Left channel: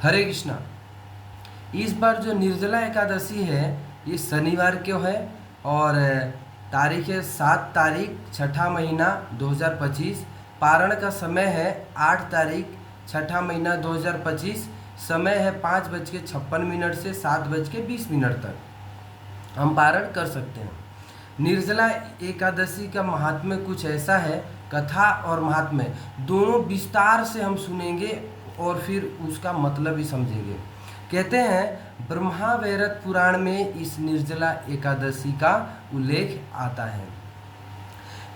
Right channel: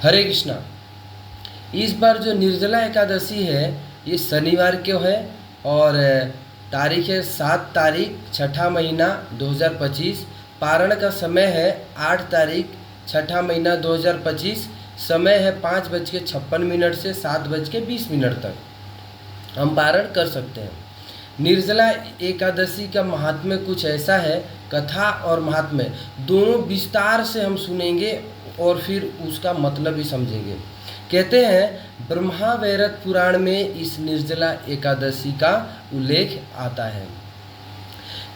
हरे कृष्णा। इस बार जो निर्जला एकादशी है ये शनिवार को है और तारीख है 7 तारीख छठा महीना 2025। पारण का समय है 8 तारीख छठा महीना 2025। समय है 5:56 से 7:20 तक हम पारण कर सकते हैं। निर्जला एकादशी का महात्म्य कुछ ऐसा है, कथा और महात्म्य दोनों विस्तार से हम सुनेंगे और फिर उसका मतलब भी समझेंगे। कहते हैं ब्रह्मावैवर्त पुराण में इस निर्जला एकादशी का उल्लेख आता है।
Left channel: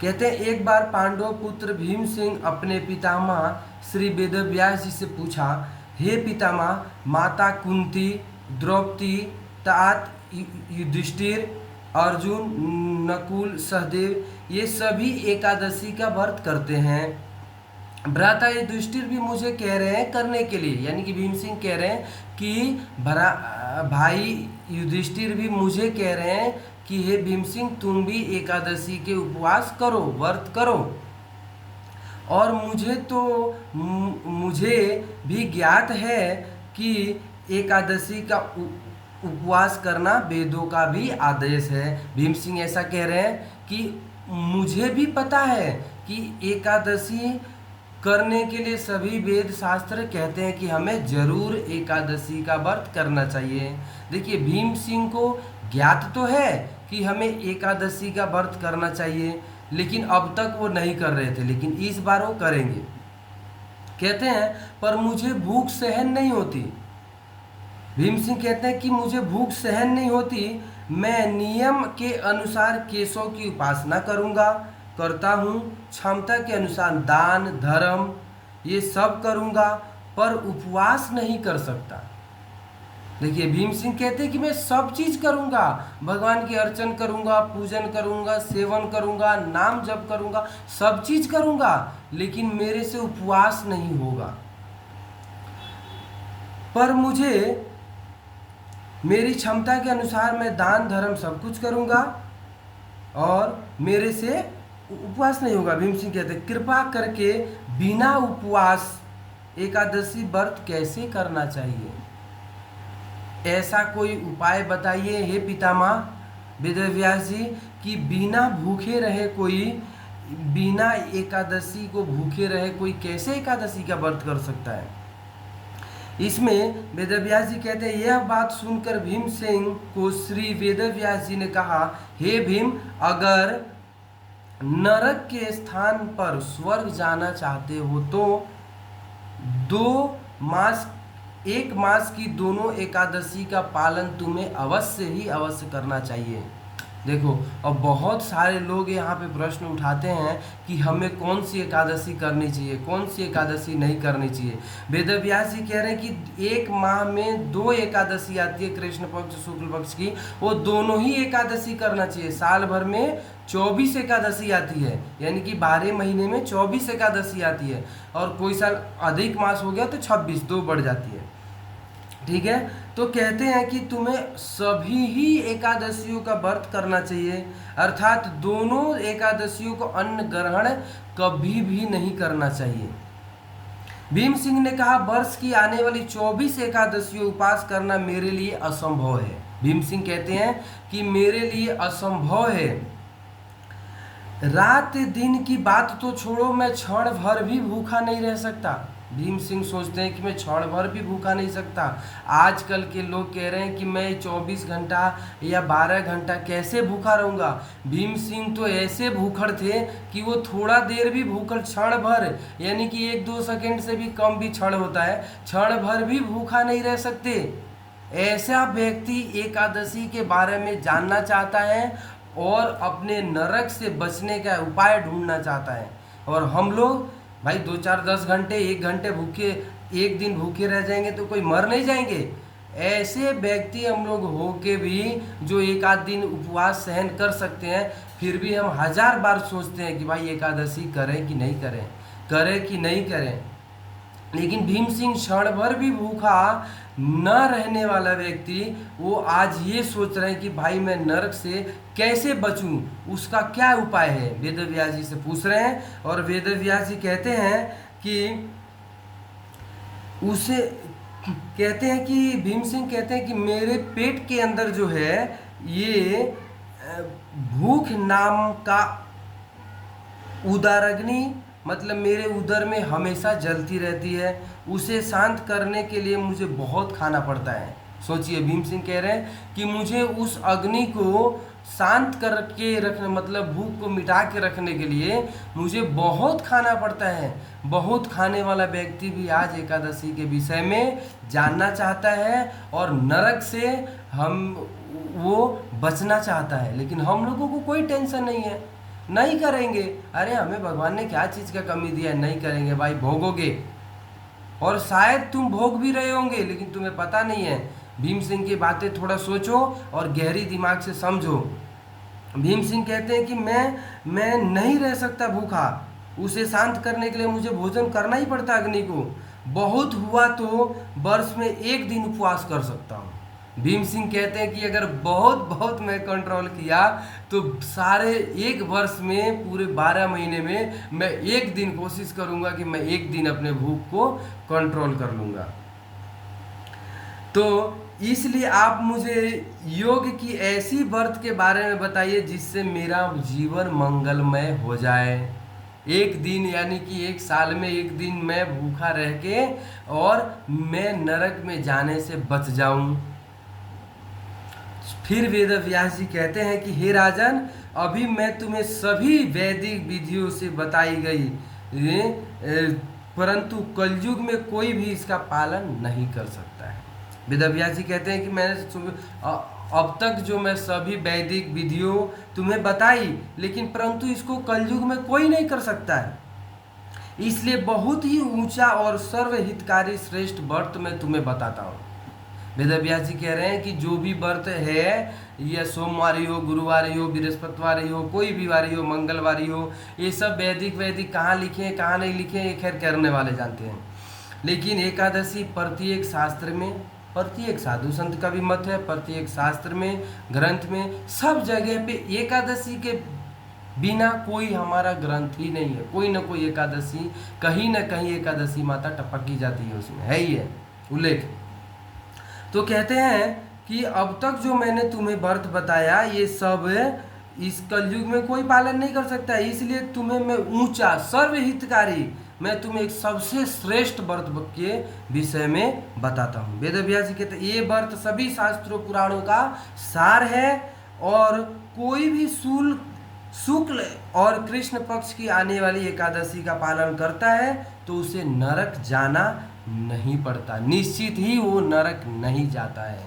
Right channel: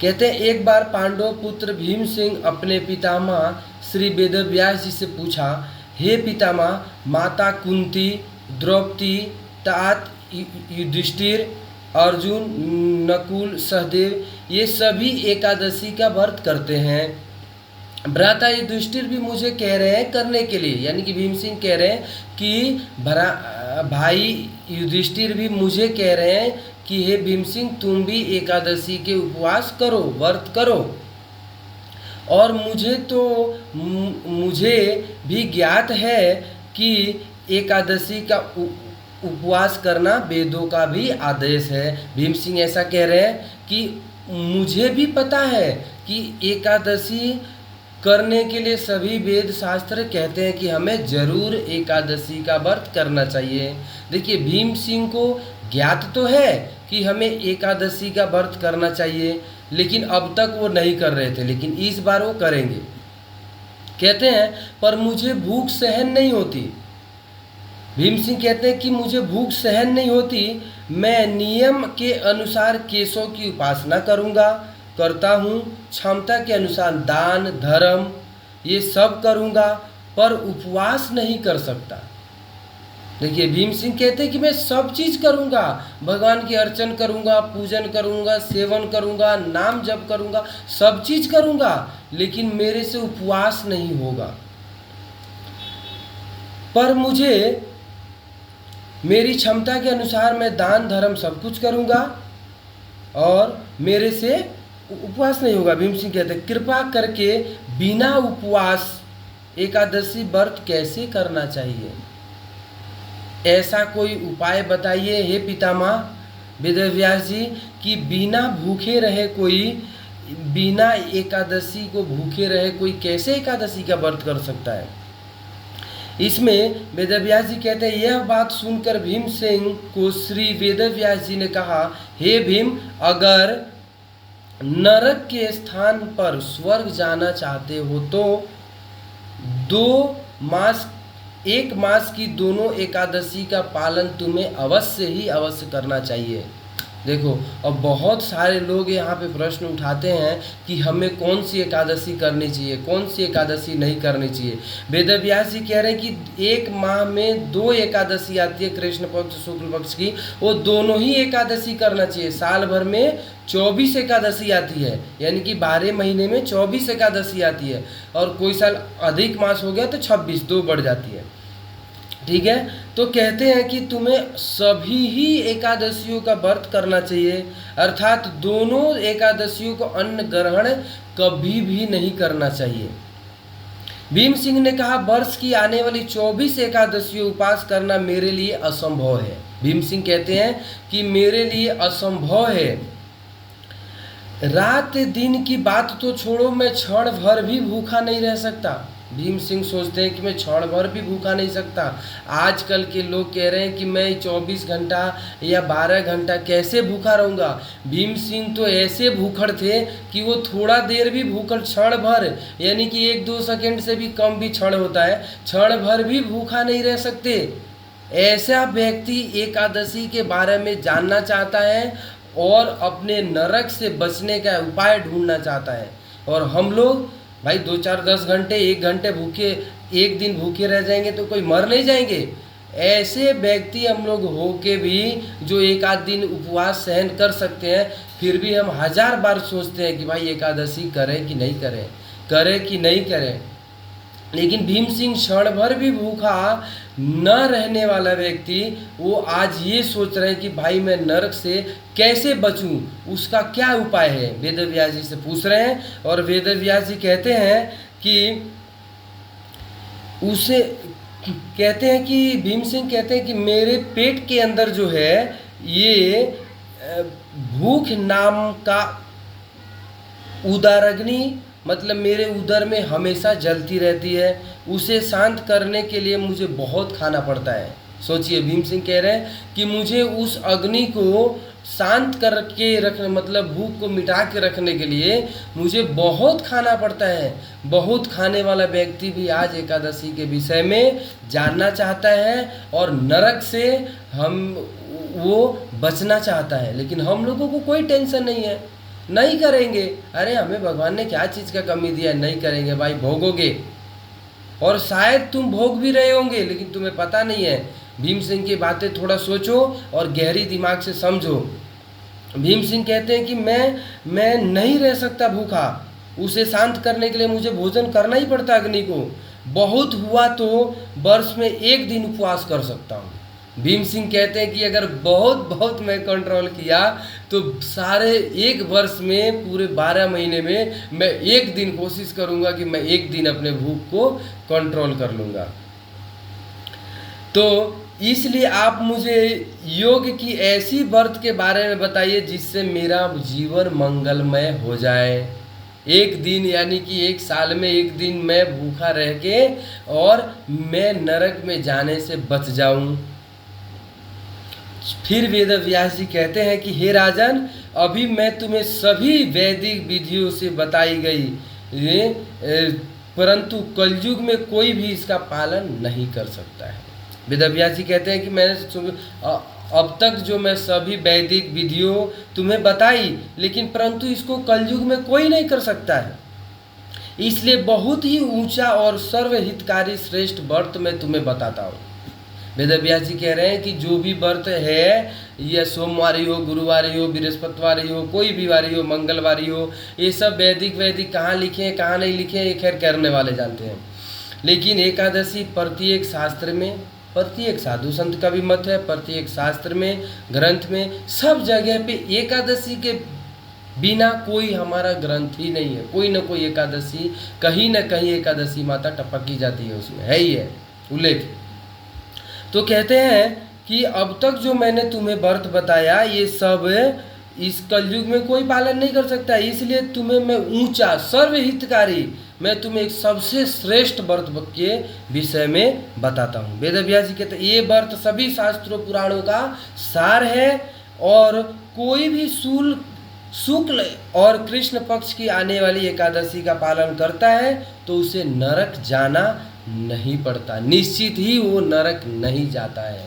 कहते हैं एक बार पांडव पुत्र भीम सिंह अपने पितामह श्री वेदव्यास जी से पूछा, हे पितामह, माता कुंती, द्रौपदी, तात, युधिष्ठिर, अर्जुन, नकुल, सहदेव ये सभी एकादशी का व्रत करते हैं। भ्राता युधिष्ठिर भी मुझे कह रहे हैं करने के लिए, यानी कि भीम सिंह कह रहे हैं कि भाई युधिष्ठिर भी मुझे कह रहे हैं कि हे भीम सिंह तुम भी एकादशी के उपवास करो, व्रत करो। और मुझे भी ज्ञात है कि एकादशी का उपवास करना वेदों का भी आदेश है। भीम सिंह ऐसा कह रहे हैं कि मुझे भी पता है कि एकादशी करने के लिए सभी वेद शास्त्र कहते हैं कि हमें जरूर एकादशी का व्रत करना चाहिए। देखिए भीम सिंह को ज्ञात तो है कि हमें एकादशी का व्रत करना चाहिए, लेकिन अब तक वो नहीं कर रहे थे, लेकिन इस बार वो करेंगे। कहते हैं पर मुझे भूख सहन नहीं होती। भीम सिंह कहते हैं कि मुझे भूख सहन नहीं होती, मैं नियम के अनुसार केशों की उपासना करता हूँ, क्षमता के अनुसार दान धर्म ये सब करूँगा, पर उपवास नहीं कर सकता। देखिए भीम सिंह कहते हैं कि मैं सब चीज़ करूँगा, भगवान की अर्चन करूँगा, पूजन करूँगा, सेवन करूँगा, नाम जप करूँगा, सब चीज़ करूँगा, लेकिन मेरे से उपवास नहीं होगा। पर मुझे मेरी क्षमता के अनुसार मैं दान धर्म सब कुछ करूँगा और मेरे से उपवास नहीं होगा। भीम सिंह कहते हैं कृपा करके बिना उपवास एकादशी व्रत कैसे करना चाहिए, ऐसा कोई उपाय बताइए हे पितामह वेदव्यास जी कि बिना भूखे रहे कोई, बिना एकादशी को भूखे रहे कोई कैसे एकादशी का व्रत कर सकता है। इसमें वेदव्यास जी कहते हैं यह बात सुनकर भीम सिंह को श्री वेदव्यास जी ने कहा, हे भीम, अगर नरक के स्थान पर स्वर्ग जाना चाहते हो तो 1 मास की दोनों एकादशी का पालन तुम्हें अवश्य करना चाहिए। देखो, अब बहुत सारे लोग यहाँ पे प्रश्न उठाते हैं कि हमें कौन सी एकादशी करनी चाहिए, कौन सी एकादशी नहीं करनी चाहिए। वेदव्यास जी कह रहे हैं कि 1 माह में 2 एकादशी आती है, कृष्ण पक्ष शुक्ल पक्ष की, वो दोनों ही एकादशी करना चाहिए। साल भर में 24 एकादशी आती है, यानी कि 12 महीने में 24 एकादशी आती है, और कोई साल अधिक मास हो गया तो 26 2 बढ़ जाती है। ठीक है, तो कहते हैं कि तुम्हें सभी ही एकादशियों का व्रत करना चाहिए, अर्थात दोनों एकादशियों को अन्न ग्रहण कभी भी नहीं करना चाहिए। भीम सिंह ने कहा वर्ष की आने वाली 24 एकादशियों उपवास करना मेरे लिए असंभव है। भीम सिंह कहते हैं कि मेरे लिए असंभव है। रात दिन की बात तो छोड़ो, मैं क्षण भर भी भूखा नहीं रह सकता। भीम सिंह सोचते हैं कि मैं क्षण भर भी भूखा नहीं सकता। आजकल के लोग कह रहे हैं कि मैं 24 घंटा या 12 घंटा कैसे भूखा रहूँगा। भीम सिंह तो ऐसे भूखड़ थे कि वो थोड़ा देर भी भूखड़, क्षण भर यानी कि 1-2 सेकंड से भी कम भी क्षण होता है, क्षण भर भी भूखा नहीं रह सकते। ऐसा व्यक्ति एकादशी के बारे में जानना चाहता है और अपने नरक से बचने का उपाय ढूंढना चाहता है। और हम लोग भाई 2-4-10 घंटे 1 घंटे भूखे, 1 दिन भूखे रह जाएंगे तो कोई मर नहीं जाएंगे। ऐसे व्यक्ति हम लोग हो के भी जो 1 आध दिन उपवास सहन कर सकते हैं, फिर भी हम 1000 बार सोचते हैं कि भाई एकादशी करें कि नहीं करें, करें कि नहीं करें। लेकिन भीम सिंह क्षण भर भी भूखा न रहने वाला व्यक्ति, वो आज ये सोच रहे हैं कि भाई मैं नरक से कैसे बचूं, उसका क्या उपाय है। वेदव्यास जी से पूछ रहे हैं और वेदव्यास जी कहते हैं कि उसे कहते हैं कि भीम सिंह कहते हैं कि मेरे पेट के अंदर जो है ये भूख नाम का उदराग्नि, मतलब मेरे उदर में हमेशा जलती रहती है। उसे शांत करने के लिए मुझे बहुत खाना पड़ता है। सोचिए, भीम सिंह कह रहे हैं कि मुझे उस अग्नि को शांत करके रखने, मतलब भूख को मिटा के रखने के लिए मुझे बहुत खाना पड़ता है। बहुत खाने वाला व्यक्ति भी आज एकादशी के विषय में जानना चाहता है और नरक से वो बचना चाहता है, लेकिन हम लोगों को कोई टेंशन नहीं है, नहीं करेंगे। अरे हमें भगवान ने क्या चीज़ का कमी दिया है, नहीं करेंगे भाई, भोगोगे। और शायद तुम भोग भी रहे होंगे लेकिन तुम्हें पता नहीं है। भीम सिंह की बातें थोड़ा सोचो और गहरी दिमाग से समझो। भीम सिंह कहते हैं कि मैं नहीं रह सकता भूखा, उसे शांत करने के लिए मुझे भोजन करना ही पड़ता अग्नि को। बहुत हुआ तो वर्ष में एक दिन उपवास कर सकता हूँ। भीम सिंह कहते हैं कि अगर बहुत बहुत मैं कंट्रोल किया तो सारे एक वर्ष में, पूरे 12 महीने में मैं एक दिन कोशिश करूँगा कि मैं एक दिन अपने भूख को कंट्रोल कर लूँगा। तो इसलिए आप मुझे योग की ऐसी व्रत के बारे में बताइए जिससे मेरा जीवन मंगलमय हो जाए। एक दिन, यानी कि एक साल में एक दिन मैं भूखा रह के और मैं नरक में जाने से बच जाऊं। फिर वेद व्यास जी कहते हैं कि हे राजन, अभी मैं तुम्हें सभी वैदिक विधियों से बताई गई, परंतु कलयुग में कोई भी इसका पालन नहीं कर सकता है। वेद व्यास जी कहते हैं कि मैंने अब तक जो मैं सभी वैदिक विधियों तुम्हें बताई, लेकिन परंतु इसको कलयुग में कोई नहीं कर सकता है। इसलिए बहुत ही ऊंचा और सर्वहितकारी श्रेष्ठ व्रत मैं तुम्हें बताता हूँ। वेद व्यास जी कह रहे हैं कि जो भी व्रत है, यह सोमवारी हो, गुरुवारी हो, बृहस्पतिवारी हो, कोई भी वारी हो, मंगलवारी हो, ये सब वैदिक कहाँ लिखे हैं कहाँ नहीं लिखे हैं ये खैर करने वाले जानते हैं। लेकिन एकादशी प्रत्येक शास्त्र में, प्रत्येक साधु संत का भी मत है, प्रत्येक शास्त्र में, ग्रंथ में, सब जगह पे एकादशी के बिना कोई हमारा ग्रंथ ही नहीं है। कोई ना कोई एकादशी, कहीं ना कहीं एकादशी माता टपकी जाती है, उसमें है ही है उल्लेख। तो कहते हैं कि अब तक जो मैंने तुम्हें व्रत बताया ये सब इस कलयुग में कोई पालन नहीं कर सकता, इसलिए तुम्हें मैं ऊंचा सर्वहितकारी, मैं तुम्हें एक सबसे श्रेष्ठ व्रत के विषय में बताता हूँ। वेद व्यास जी कहते हैं ये व्रत सभी शास्त्रों पुराणों का सार है और कोई भी शुक्ल और कृष्ण पक्ष की आने वाली एकादशी का पालन करता है तो उसे नरक जाना नहीं पड़ता, निश्चित ही वो नरक नहीं जाता है।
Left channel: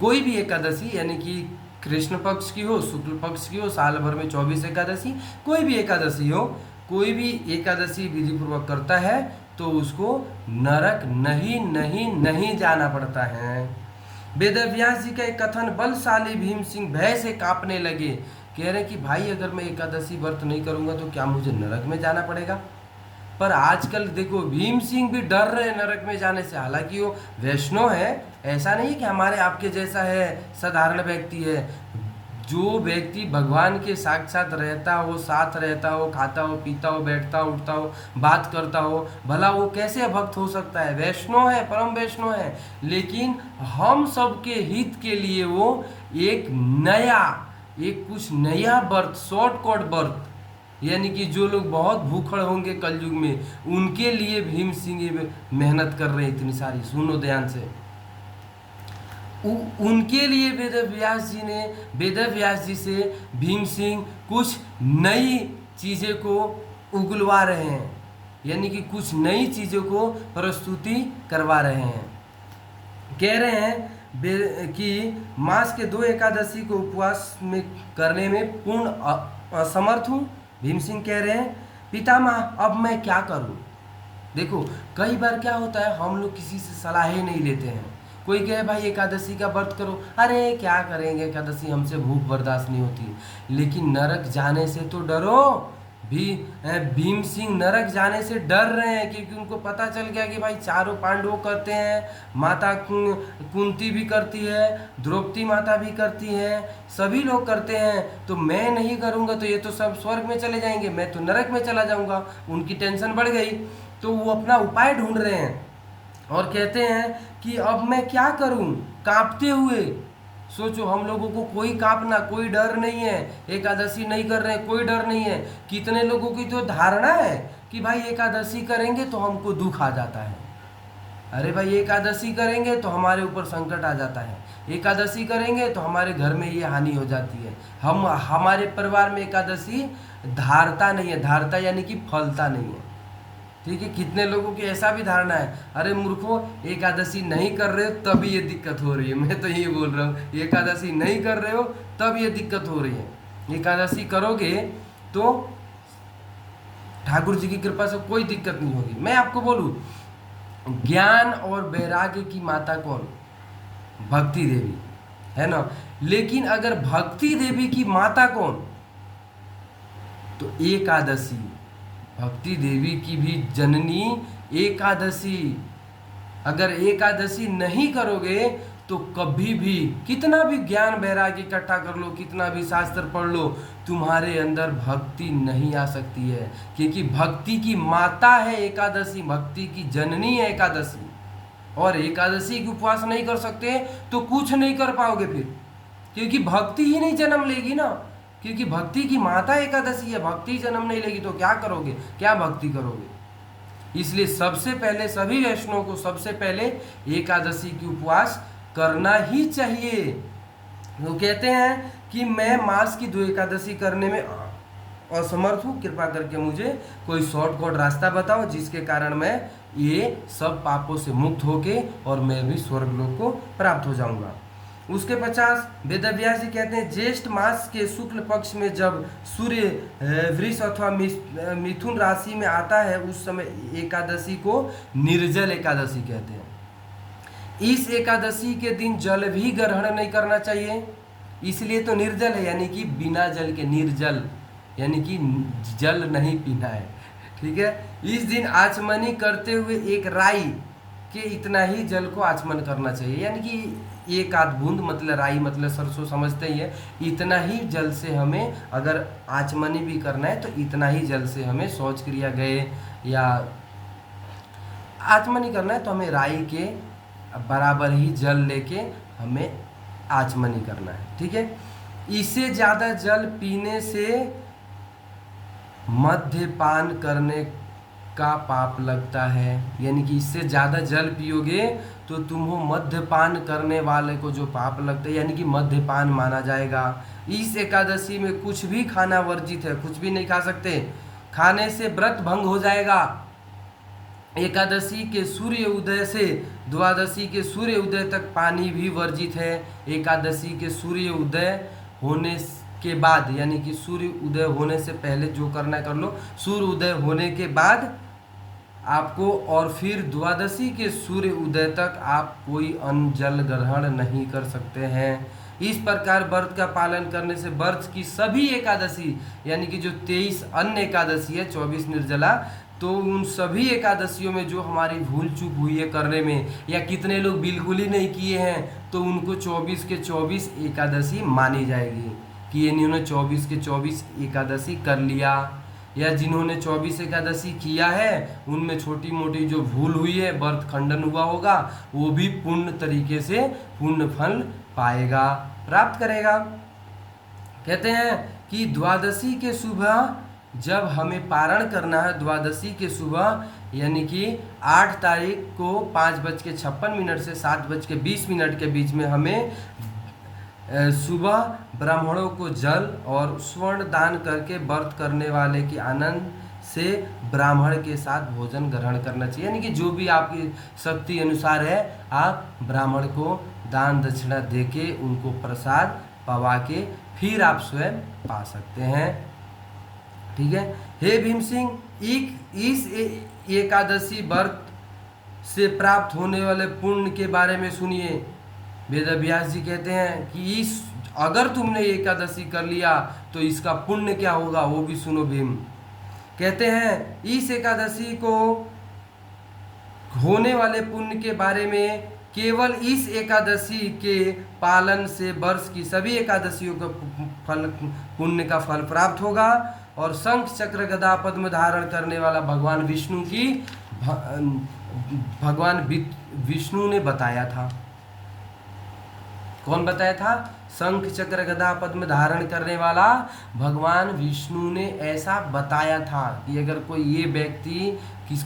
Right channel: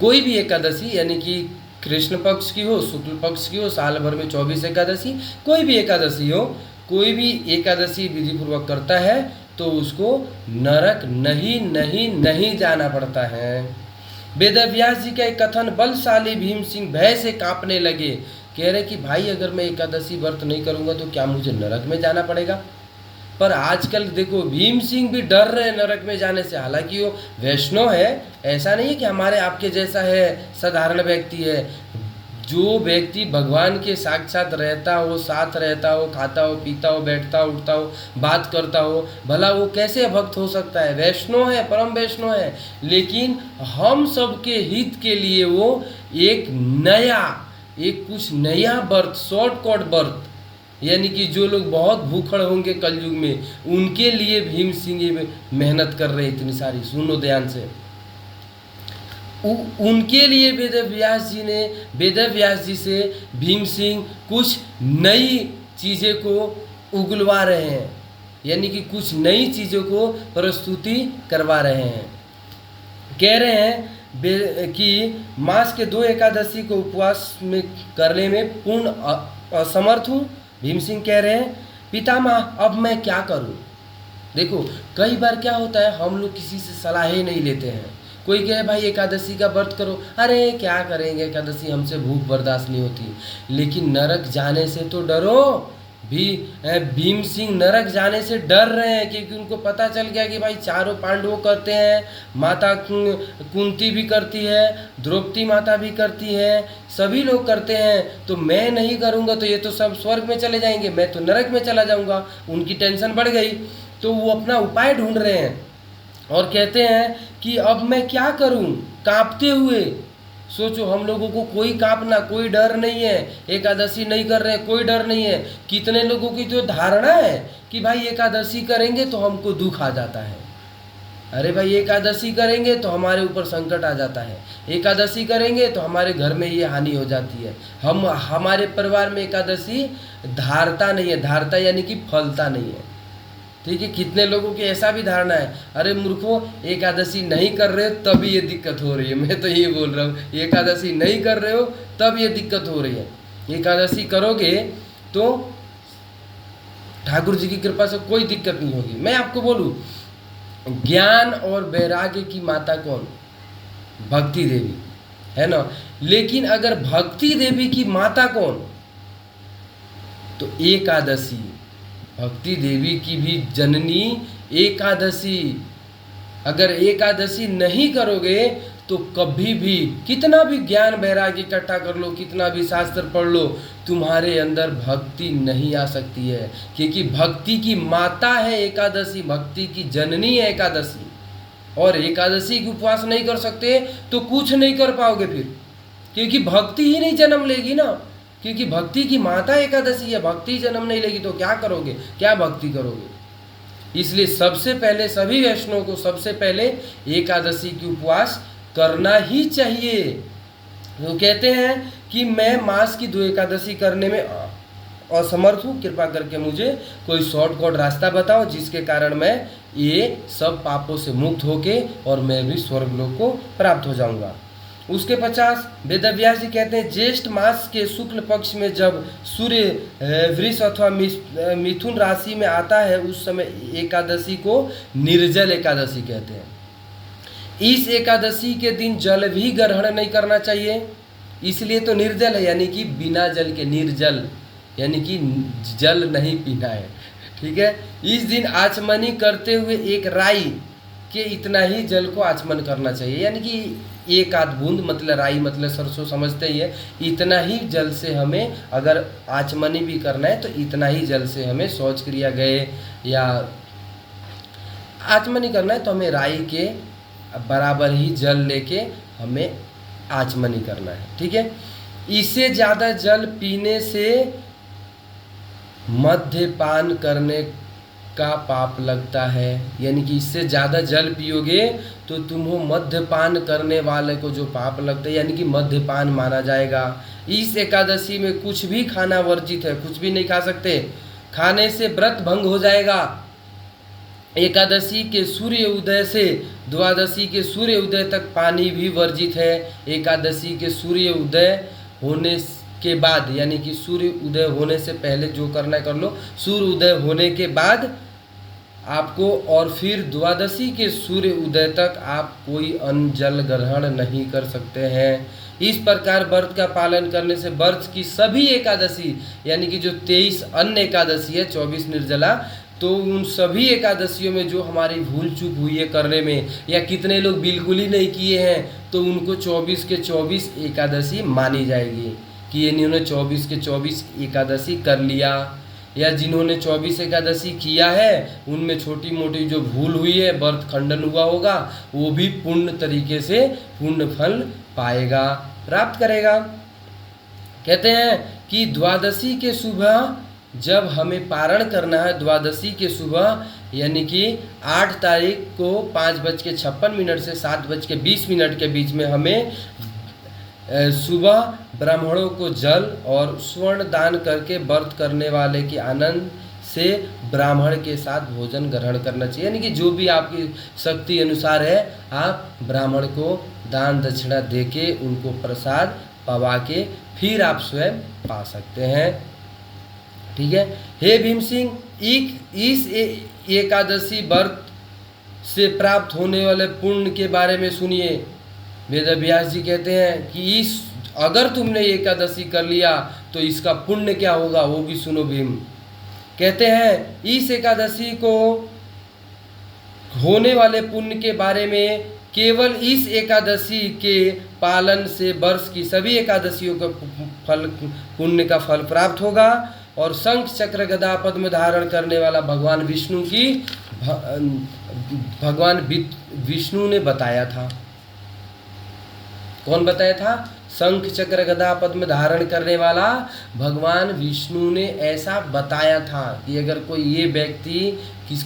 कोई भी एकादशी, यानी कि कृष्ण पक्ष की हो, शुक्ल पक्ष की हो, साल भर में 24 एकादशी, कोई भी एकादशी हो, कोई भी एकादशी विधि पूर्वक करता है तो उसको नरक नहीं जाना पड़ता है। वेद व्यास जी का एक कथन बलशाली भीम सिंह भय से कांपने लगे। कह रहे कि भाई अगर मैं एकादशी व्रत नहीं करूंगा तो क्या मुझे नरक में जाना पड़ेगा? पर आजकल देखो भीम सिंह भी डर रहे नरक में जाने से। हालांकि वो वैष्णव है, ऐसा नहीं है कि हमारे आपके जैसा है, साधारण व्यक्ति है। जो व्यक्ति भगवान के साक्षात रहता हो, साथ रहता हो, खाता हो, पीता हो, बैठता हो, उठता हो, बात करता हो, भला वो कैसे भक्त हो सकता है? वैष्णव है, परम वैष्णव है, लेकिन हम सबके हित के लिए वो एक कुछ नया व्रत, शॉर्टकट व्रत, यानी कि जो लोग बहुत भूखड़ होंगे कलयुग में उनके लिए भीम सिंह ये मेहनत कर रहे हैं इतनी सारी। सुनो ध्यान से, उनके लिए वेद व्यास जी से भीम सिंह कुछ नई चीज़ें को उगलवा रहे हैं, यानी कि कुछ नई चीज़ों को प्रस्तुति करवा रहे हैं। कह रहे हैं कि मास के 2 एकादशी को उपवास में करने में पूर्ण असमर्थ हूँ। भीम सिंह कह रहे हैं पितामह अब मैं क्या करूं? देखो कई बार क्या होता है, हम लोग किसी से सलाहें नहीं लेते हैं। कोई कहे भाई एकादशी का व्रत करो, अरे क्या करेंगे एकादशी, हमसे भूख बर्दाश्त नहीं होती। लेकिन नरक जाने से तो डरो। भीम सिंह नरक जाने से डर रहे हैं क्योंकि उनको पता चल गया कि भाई चारों पांडवों करते हैं, माता कुंती भी करती है, द्रौपदी माता भी करती है, सभी लोग करते हैं, तो मैं नहीं करूँगा तो ये तो सब स्वर्ग में चले जाएंगे, मैं तो नरक में चला जाऊँगा। उनकी टेंशन बढ़ गई तो वो अपना उपाय ढूंढ रहे हैं। और कहते हैं कि अब मैं क्या करूं, कांपते हुए। सोचो, हम लोगों को कोई कांपना, कोई डर नहीं है, एकादशी नहीं कर रहे हैं, कोई डर नहीं है। कितने लोगों की तो धारणा है कि भाई एकादशी करेंगे तो हमको दुख आ जाता है। अरे भाई, एकादशी करेंगे तो हमारे ऊपर संकट आ जाता है, एकादशी करेंगे तो हमारे घर में ये हानि हो जाती है, हमारे परिवार में एकादशी धारता नहीं है। धारता यानी कि फलता नहीं है। ठीक है, कितने लोगों की ऐसा भी धारणा है, अरे मूर्खों, एकादशी नहीं कर रहे हो तभी ये दिक्कत हो रही है। मैं तो ये बोल रहा हूँ, एकादशी नहीं कर रहे हो तब ये दिक्कत हो रही है। एकादशी करोगे तो ठाकुर जी की कृपा से कोई दिक्कत नहीं होगी। मैं आपको बोलूँ, ज्ञान और वैराग्य की माता कौन? भक्ति देवी, है ना। लेकिन अगर भक्ति देवी की माता कौन? तो एकादशी। भक्ति देवी की भी जननी एकादशी। अगर एकादशी नहीं करोगे तो कभी भी कितना भी ज्ञान वैराग्य इकट्ठा कर लो, कितना भी शास्त्र पढ़ लो, तुम्हारे अंदर भक्ति नहीं आ सकती है। क्योंकि भक्ति की माता है एकादशी, भक्ति की जननी है एकादशी। और एकादशी की उपवास नहीं कर सकते तो कुछ नहीं कर पाओगे फिर, क्योंकि भक्ति ही नहीं जन्म लेगी ना। क्योंकि भक्ति की माता एकादशी है, भक्ति जन्म नहीं लेगी तो क्या करोगे, क्या भक्ति करोगे। इसलिए सबसे पहले सभी वैष्णव को सबसे पहले एकादशी की उपवास करना ही चाहिए। वो कहते हैं कि मैं मास की 2 एकादशी करने में असमर्थ हूँ, कृपा करके मुझे कोई शॉर्टकट रास्ता बताओ जिसके कारण मैं ये सब पापों से मुक्त होके और मैं भी स्वर्ग लोक को प्राप्त हो जाऊंगा। उसके 50 वेदव्यास जी कहते हैं, ज्येष्ठ मास के शुक्ल पक्ष में जब सूर्य वृष अथवा मिथुन राशि में आता है उस समय एकादशी को निर्जल एकादशी कहते हैं। इस एकादशी के दिन जल भी ग्रहण नहीं करना चाहिए, इसलिए तो निर्जल है, यानी कि बिना जल के निर्जल, यानी कि जल नहीं पीना है। ठीक है, इस दिन आचमनी करते हुए एक राई के इतना ही जल को आचमन करना चाहिए, यानी कि 1 आध बूंद, मतलब राई मतलब सरसों समझते ही है, इतना ही जल से हमें अगर आचमनी भी करना है तो इतना ही जल से हमें शौच क्रिया गए या आचमनी करना है तो हमें राई के बराबर ही जल लेके हमें आचमनी करना है। ठीक है, इससे ज़्यादा जल पीने से मद्यपान करने का पाप लगता है, यानी कि इससे ज़्यादा जल पियोगे तो तुम्हें मद्यपान करने वाले को जो पाप लगता है, यानी कि मद्यपान माना जाएगा। इस एकादशी में कुछ भी खाना वर्जित है, कुछ भी नहीं खा सकते, खाने से व्रत भंग हो जाएगा। एकादशी के सूर्य उदय से द्वादशी के सूर्य उदय तक पानी भी वर्जित है। एकादशी के सूर्य उदय होने के बाद, यानी कि सूर्य उदय होने से पहले जो करना है कर लो, सूर्य उदय होने के बाद आपको, और फिर द्वादशी के सूर्य उदय तक आप कोई अन्न जल ग्रहण नहीं कर सकते हैं। इस प्रकार व्रत का पालन करने से व्रत की सभी एकादशी, यानी कि जो 23 अन्य एकादशी है, 24 निर्जला, तो उन सभी एकादशियों में जो हमारी भूल चूक हुई है करने में, या कितने लोग बिल्कुल ही नहीं किए हैं, तो उनको 24 के 24 एकादशी मानी जाएगी कि इन्होंने 24 के 24 एकादशी कर लिया। या जिन्होंने 24 एकादशी किया है उनमें छोटी मोटी जो भूल हुई है, व्रत खंडन हुआ होगा, वो भी पूर्ण तरीके से पुण्य फल पाएगा, प्राप्त करेगा। कहते हैं कि द्वादशी के सुबह जब हमें पारण करना है, द्वादशी के सुबह यानी कि 8 तारीख को 5:56 से 7:20 के बीच में हमें सुबह ब्राह्मणों को जल और स्वर्ण दान करके व्रत करने वाले के आनंद से ब्राह्मण के साथ भोजन ग्रहण करना चाहिए। यानी कि जो भी आपकी शक्ति अनुसार है, आप ब्राह्मण को दान दक्षिणा देके उनको प्रसाद पवा के फिर आप स्वयं पा सकते हैं। ठीक है। हे भीम सिंह, इस एकादशी व्रत से प्राप्त होने वाले पुण्य के बारे में सुनिए। वेदव्यास जी कहते हैं कि अगर तुमने एकादशी कर लिया तो इसका पुण्य क्या होगा वो भी सुनो। भीम कहते हैं इस एकादशी को होने वाले पुण्य के बारे में, केवल इस एकादशी के पालन से वर्ष की सभी एकादशियों का फल, पुण्य का फल प्राप्त होगा। और शंख चक्र गदा पद्म धारण करने वाला भगवान विष्णु की भगवान विष्णु ने बताया था। कौन बताया था? शंख चक्र गदा पद्म धारण करने वाला भगवान विष्णु ने ऐसा बताया था कि अगर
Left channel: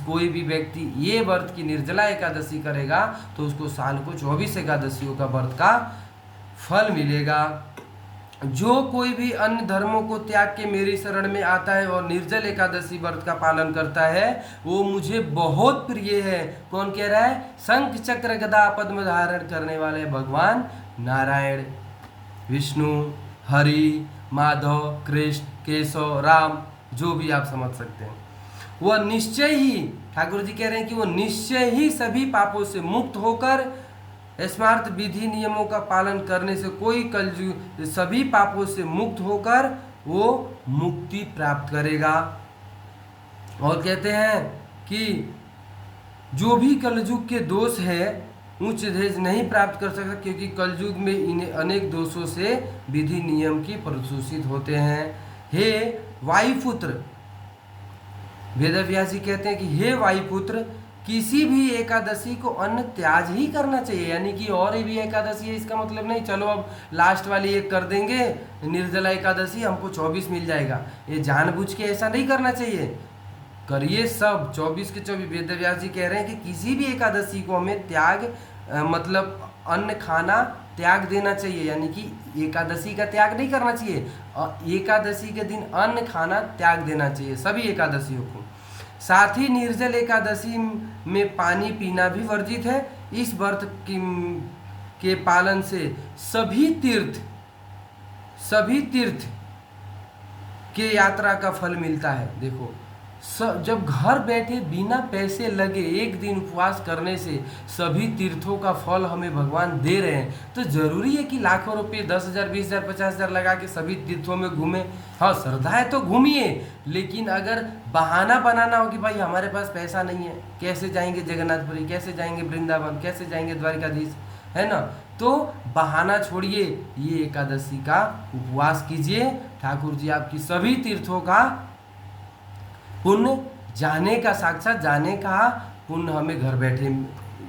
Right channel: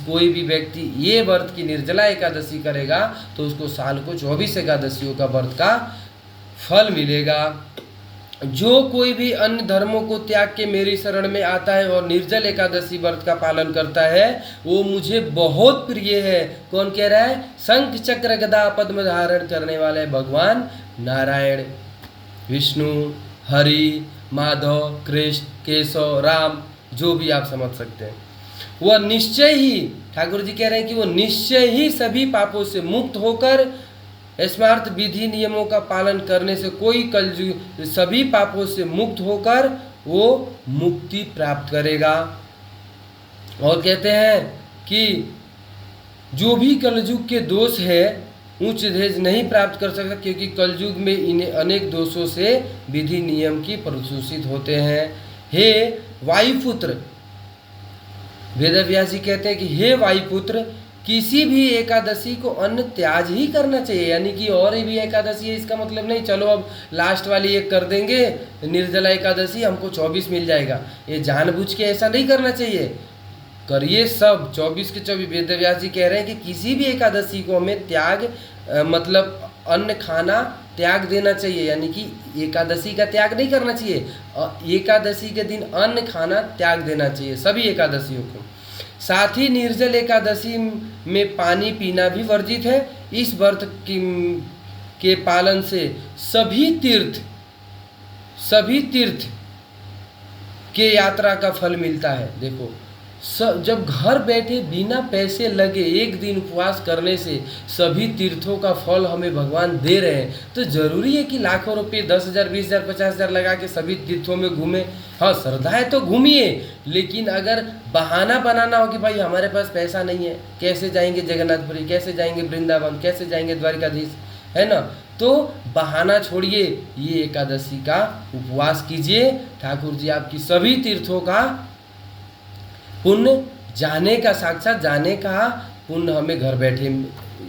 कोई भी व्यक्ति ये व्रत की निर्जला एकादशी करेगा तो उसको साल को 24 एकादशियों का व्रत का फल मिलेगा। जो कोई भी अन्य धर्मों को त्याग के मेरी शरण में आता है और निर्जल एकादशी व्रत का पालन करता है वो मुझे बहुत प्रिय है। कौन कह रहा है? शंख चक्र गदा पद्म धारण करने वाले भगवान नारायण, विष्णु, हरि, माधव, कृष्ण, केशव, राम, जो भी आप समझ सकते हैं, वह निश्चय ही, ठाकुर जी कह रहे हैं कि वो निश्चय ही सभी पापों से मुक्त होकर स्मार्त विधि नियमों का पालन करने से सभी पापों से मुक्त होकर वो मुक्ति प्राप्त करेगा। और कहते हैं कि जो भी कलयुग के दोष है उच्च धेज नहीं प्राप्त कर सकता, क्योंकि कलयुग में इन्हें अनेक दोषों से विधि नियम की प्रदूषित होते हैं। हे वायुपुत्र, वेदव्यास जी कहते हैं कि हे वायुपुत्र, किसी भी एकादशी को अन्न त्याज ही करना चाहिए। यानी कि और भी एकादशी है इसका मतलब नहीं चलो अब लास्ट वाली एक कर देंगे निर्जला एकादशी, हमको 24 मिल जाएगा। ये जानबूझ के ऐसा नहीं करना चाहिए, करिए सब 24 के 24। वेदव्यास जी कह रहे हैं कि किसी भी एकादशी को हमें त्याग मतलब अन्न खाना त्याग देना चाहिए, यानी कि एकादशी का त्याग नहीं करना चाहिए। एकादशी के दिन अन्न खाना त्याग देना चाहिए सभी एकादशियों को। साथ ही निर्जल एकादशी में पानी पीना भी वर्जित है। इस व्रत के पालन से सभी तीर्थ के यात्रा का फल मिलता है। देखो जब घर बैठे बिना पैसे लगे एक दिन उपवास करने से सभी तीर्थों का फल हमें भगवान दे रहे हैं, तो जरूरी है कि लाखों रुपए 10,000 20,000 50,000 लगा के सभी तीर्थों में घूमे। हाँ श्रद्धा है तो घूमिए, लेकिन अगर बहाना बनाना हो कि भाई हमारे पास पैसा नहीं है, कैसे जाएंगे जगन्नाथपुरी, कैसे जाएंगे वृंदावन, कैसे जाएंगे द्वारिकाधीश, है ना, तो बहाना छोड़िए, ये एकादशी का उपवास कीजिए। ठाकुर जी आपकी सभी तीर्थों का पुण्य जाने का, साक्षात जाने का पुण्य हमें घर बैठे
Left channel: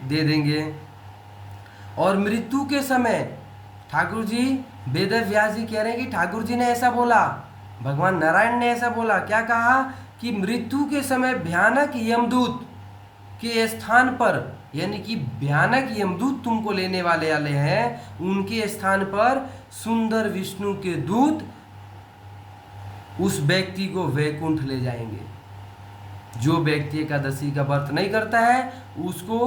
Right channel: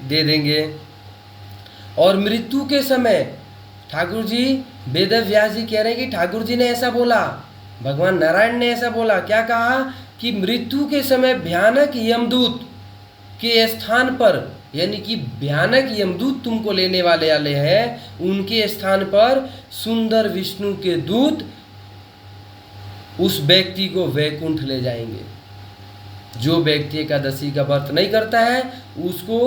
दे देंगे। और मृत्यु के समय ठाकुर जी, वेदव्यास जी कह रहे हैं कि ठाकुर जी ने ऐसा बोला, भगवान नारायण ने ऐसा बोला, क्या कहा कि मृत्यु के समय भयानक यमदूत के स्थान पर, यानी कि भयानक यमदूत तुमको लेने वाले हैं, उनके स्थान पर सुंदर विष्णु के दूत उस व्यक्ति को वैकुंठ ले जाएंगे। जो व्यक्ति एकादशी का व्रत नहीं करता है उसको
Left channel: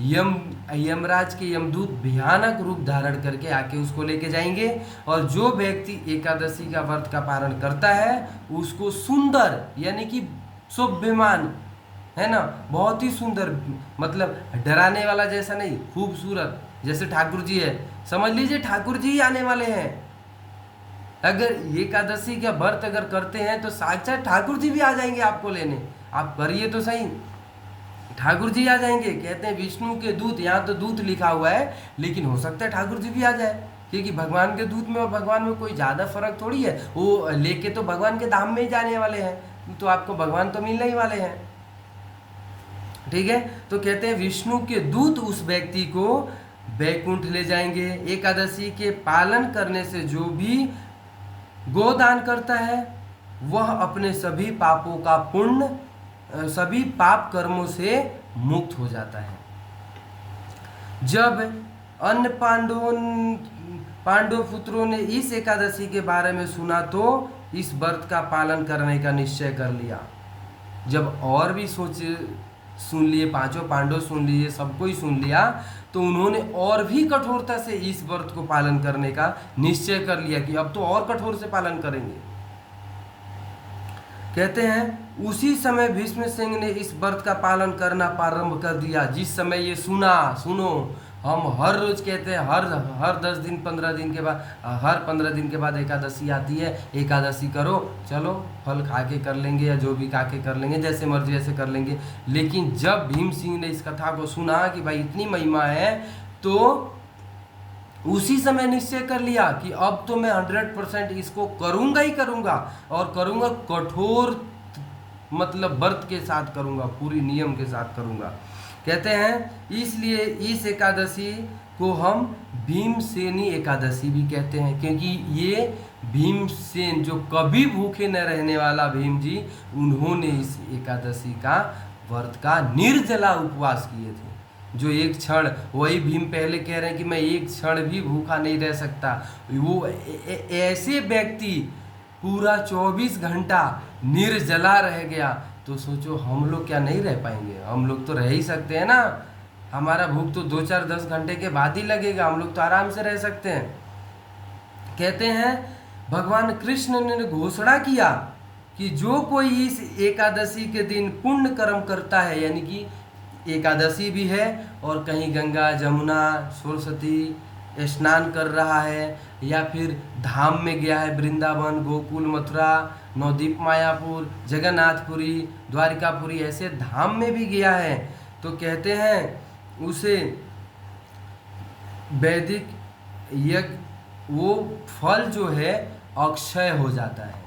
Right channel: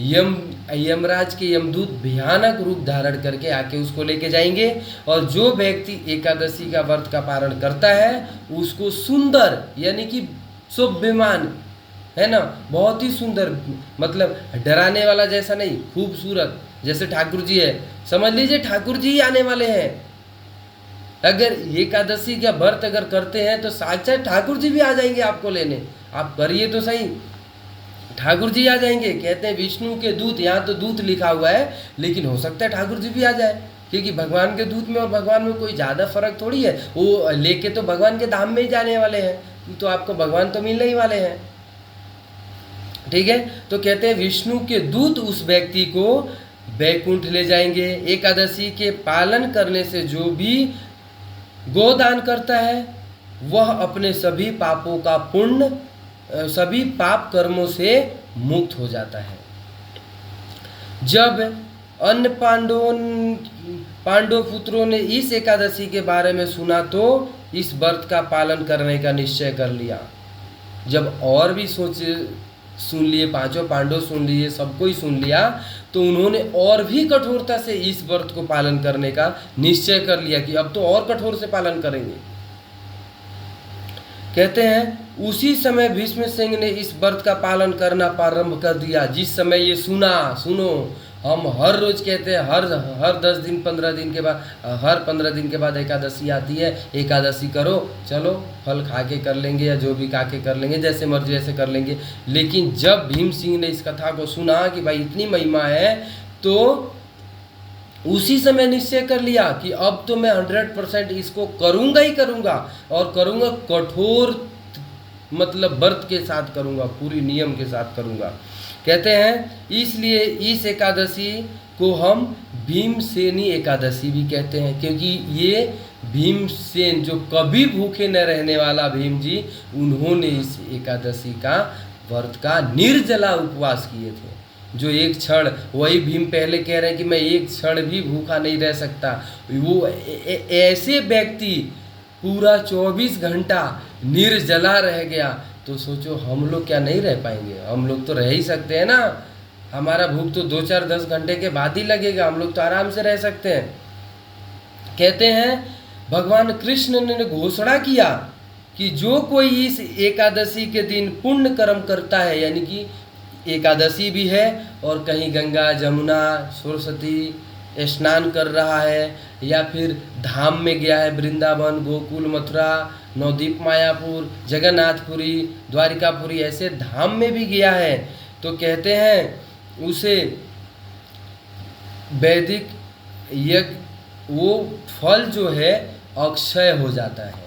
यमराज के यमदूत भयानक रूप धारण करके आके उसको लेके जाएंगे। और जो व्यक्ति एकादशी का व्रत का पालन करता है उसको सुंदर, यानी कि शोभ्यमान, है ना, बहुत ही सुंदर, मतलब डराने वाला जैसा नहीं, खूबसूरत, जैसे ठाकुर जी है, समझ लीजिए ठाकुर जी ही आने वाले हैं। अगर एकादशी का व्रत अगर करते हैं तो साक्षात ठाकुर जी भी आ जाएंगे आपको लेने। आप करिए तो सही, ठाकुर जी आ जाएंगे। कहते हैं विष्णु के दूत, यहाँ तो दूत लिखा हुआ है, लेकिन हो सकता है ठाकुर जी भी आ जाए, क्योंकि भगवान के दूत में और भगवान में कोई ज़्यादा फर्क थोड़ी है। वो लेके तो भगवान के धाम में ही जाने वाले हैं, तो आपको भगवान तो मिलने ही वाले हैं, ठीक है। तो कहते हैं विष्णु के दूत उस व्यक्ति को वैकुंठ ले जाएंगे। एकादशी के पालन करने से जो भी गोदान करता है वह अपने सभी पापों का पुण्य, सभी पाप कर्मों से मुक्त हो जाता है। जब अन्य पांडव पुत्रों ने इस एकादशी के बारे में सुना तो इस व्रत का पालन करने का निश्चय कर लिया। जब और भी सुन लिए, पांचों पांडव सुन लिए, सबको ही सुन लिया, तो उन्होंने और भी कठोरता से इस व्रत को पालन करने का निश्चय कर लिया कि अब तो और कठोर से पालन करेंगे। कहते हैं उसी समय भीष्म सिंह ने इस व्रत का पालन करना प्रारंभ कर दिया। जिस समय ये सुनो, हम हर रोज कहते हैं हर 10 दिन 15 दिन के बाद, हर 15 दिन के बाद एकादशी आती है, एकादशी करो, चलो फल खा के कर लेंगे या जो भी खा के कर लेंगे, जैसे मर्जी ऐसे कर लेंगे। लेकिन जब भीम सिंह ने इस कथा को सुना कि भाई इतनी महिमा है, तो उसी समय निश्चय कर लिया कि अब तो मैं 100% इसको करूँगा ही करूँगा, और करूँगा कठोर, मतलब व्रत के साथ करूँगा, पूरी नियम के साथ करूँगा। कहते हैं इसलिए इस एकादशी को हम भीमसेनी एकादशी भी कहते हैं, क्योंकि ये भीमसेन जो कभी भूखे न रहने वाला भीम जी, उन्होंने इस एकादशी का व्रत का निर्जला उपवास किए थे। जो एक क्षण, वही भीम पहले कह रहे हैं कि मैं एक क्षण भी भूखा नहीं रह सकता, वो ऐसे व्यक्ति पूरा 24 घंटा निर्जला रह गया, तो सोचो हम लोग क्या नहीं रह पाएंगे? हम लोग तो रह ही सकते हैं ना। हमारा भूख तो 2-4-10 घंटे के बाद ही लगेगा, हम लोग तो आराम से रह सकते हैं। कहते हैं भगवान कृष्ण ने घोषणा किया कि जो कोई इस एकादशी के दिन पुण्य कर्म करता है, यानी कि एकादशी भी है और कहीं गंगा जमुना सरस्वती स्नान कर रहा है, या फिर धाम में गया है, वृंदावन, गोकुल, मथुरा, नवद्वीप, मायापुर, जगन्नाथपुरी, द्वारिकापुरी, ऐसे धाम में भी गया है, तो कहते हैं उसे वैदिक यज्ञ वो फल जो है अक्षय हो जाता है।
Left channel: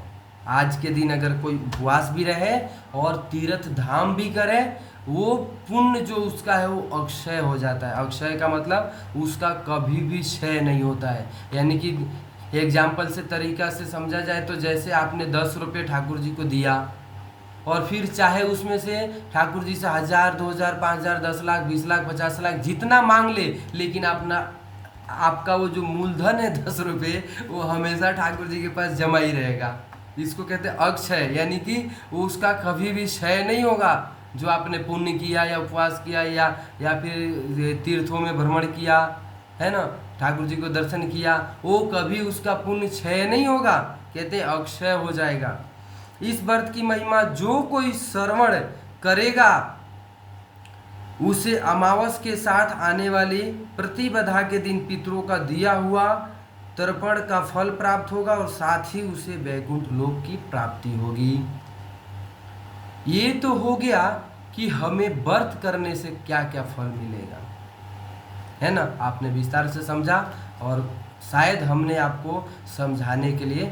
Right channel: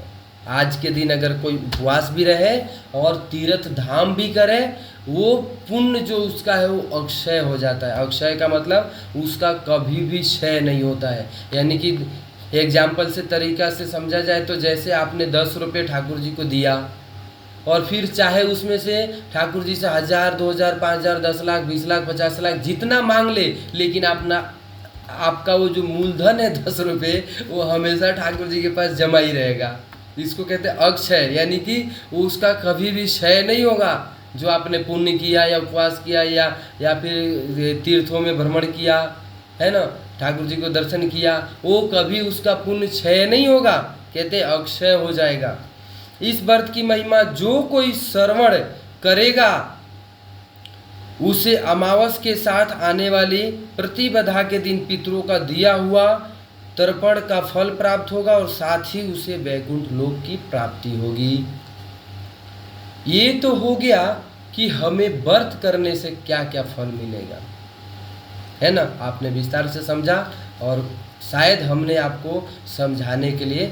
आज के दिन अगर कोई उपवास भी रहे और तीर्थ धाम भी करे, वो पुण्य जो उसका है वो अक्षय हो जाता है। अक्षय का मतलब उसका कभी भी क्षय नहीं होता है। यानी कि एग्जाम्पल से तरीका से समझा जाए तो जैसे आपने 10 रुपये ठाकुर जी को दिया और फिर चाहे उसमें से ठाकुर जी से 1000, 2000, 5000, 10 लाख, 20 लाख, 50 लाख जितना मांग ले, लेकिन आपका वो जो मूलधन है 10 रुपये, वो हमेशा ठाकुर जी के पास जमा ही रहेगा। इसको कहते हैं अक्षय, यानी कि उसका कभी भी क्षय नहीं होगा। जो आपने पुण्य किया या उपवास किया या फिर तीर्थों में भ्रमण किया है ना, ठाकुर जी को दर्शन किया, वो कभी उसका पुण्य क्षय नहीं होगा, कहते हैं अक्षय हो जाएगा। इस व्रत की महिमा जो कोई श्रवण करेगा उसे अमावस के साथ आने वाली प्रतिपदा के दिन पितरों का दिया हुआ तर्पण का फल प्राप्त होगा और साथ ही उसे वैकुंठ लोक की प्राप्ति होगी। ये तो हो गया कि हमें व्रत करने से क्या क्या फल मिलेगा, है ना। आपने विस्तार से समझा और शायद हमने आपको समझाने के लिए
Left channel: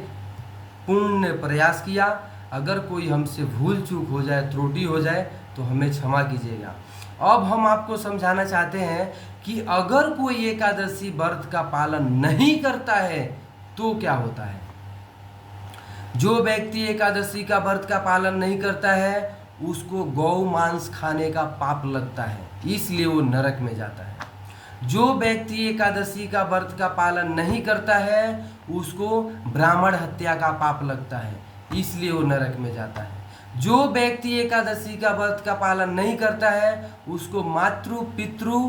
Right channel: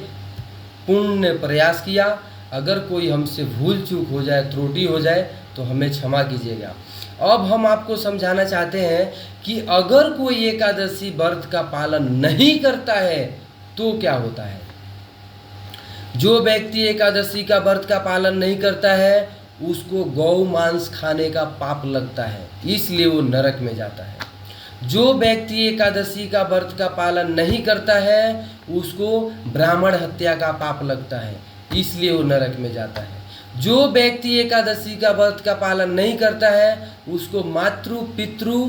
पूर्ण प्रयास किया। अगर कोई हमसे भूल चूक हो जाए, त्रुटि हो जाए, तो हमें क्षमा कीजिएगा। अब हम आपको समझाना चाहते हैं कि अगर कोई एकादशी व्रत का पालन नहीं करता है तो क्या होता है। जो व्यक्ति एकादशी का व्रत का पालन नहीं करता है उसको गौ मांस खाने का पाप लगता है, इसलिए वो नरक में जाता है। जो व्यक्ति एकादशी का व्रत का पालन नहीं करता है उसको ब्राह्मण हत्या का पाप लगता है, इसलिए वो नरक में जाता है। जो व्यक्ति एकादशी का व्रत का पालन नहीं करता है उसको मातृ पितृ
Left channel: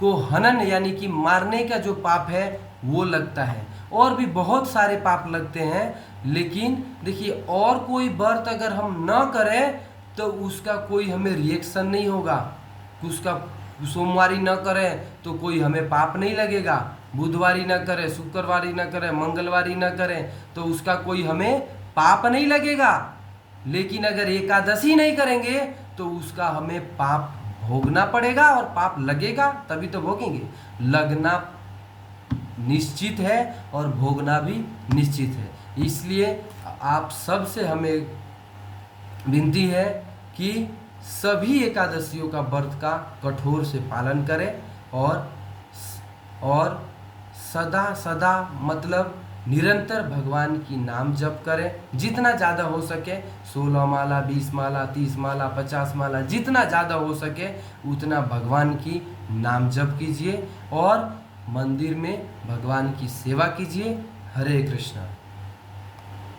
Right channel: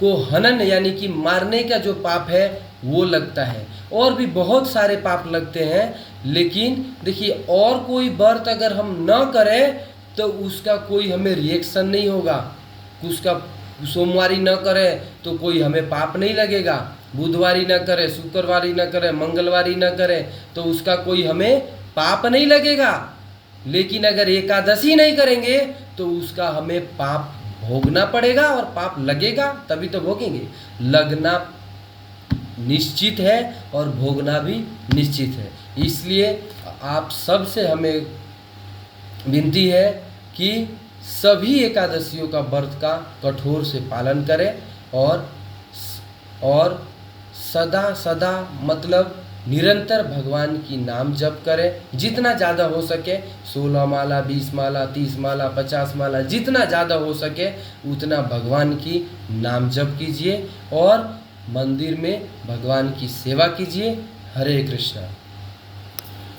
को हनन यानी कि मारने का जो पाप है वो लगता है। और भी बहुत सारे पाप लगते हैं, लेकिन देखिए और कोई व्रत अगर हम न करें तो उसका कोई हमें रिएक्शन नहीं होगा। उसका सोमवारी न करें तो कोई हमें पाप नहीं लगेगा, बुधवारी न करें, शुक्रवारी न करें, मंगलवारी न करें तो उसका कोई हमें पाप नहीं लगेगा। लेकिन अगर एकादशी नहीं करेंगे तो उसका हमें पाप भोगना पड़ेगा और पाप लगेगा, तभी तो भोगेंगे। लगना निश्चित है और भोगना भी निश्चित है। इसलिए आप सबसे हमें विनती है कि सभी एकादशियों का व्रत का कठोर से पालन करें और सदा सदा मतलब निरंतर भगवान की नाम जप करें। जितना ज़्यादा हो सके 16 माला, 20 माला, 30 माला, 50 माला, जितना ज़्यादा हो सके उतना भगवान की नाम जप कीजिए और मंदिर में भगवान की सेवा कीजिए। हरे कृष्णा।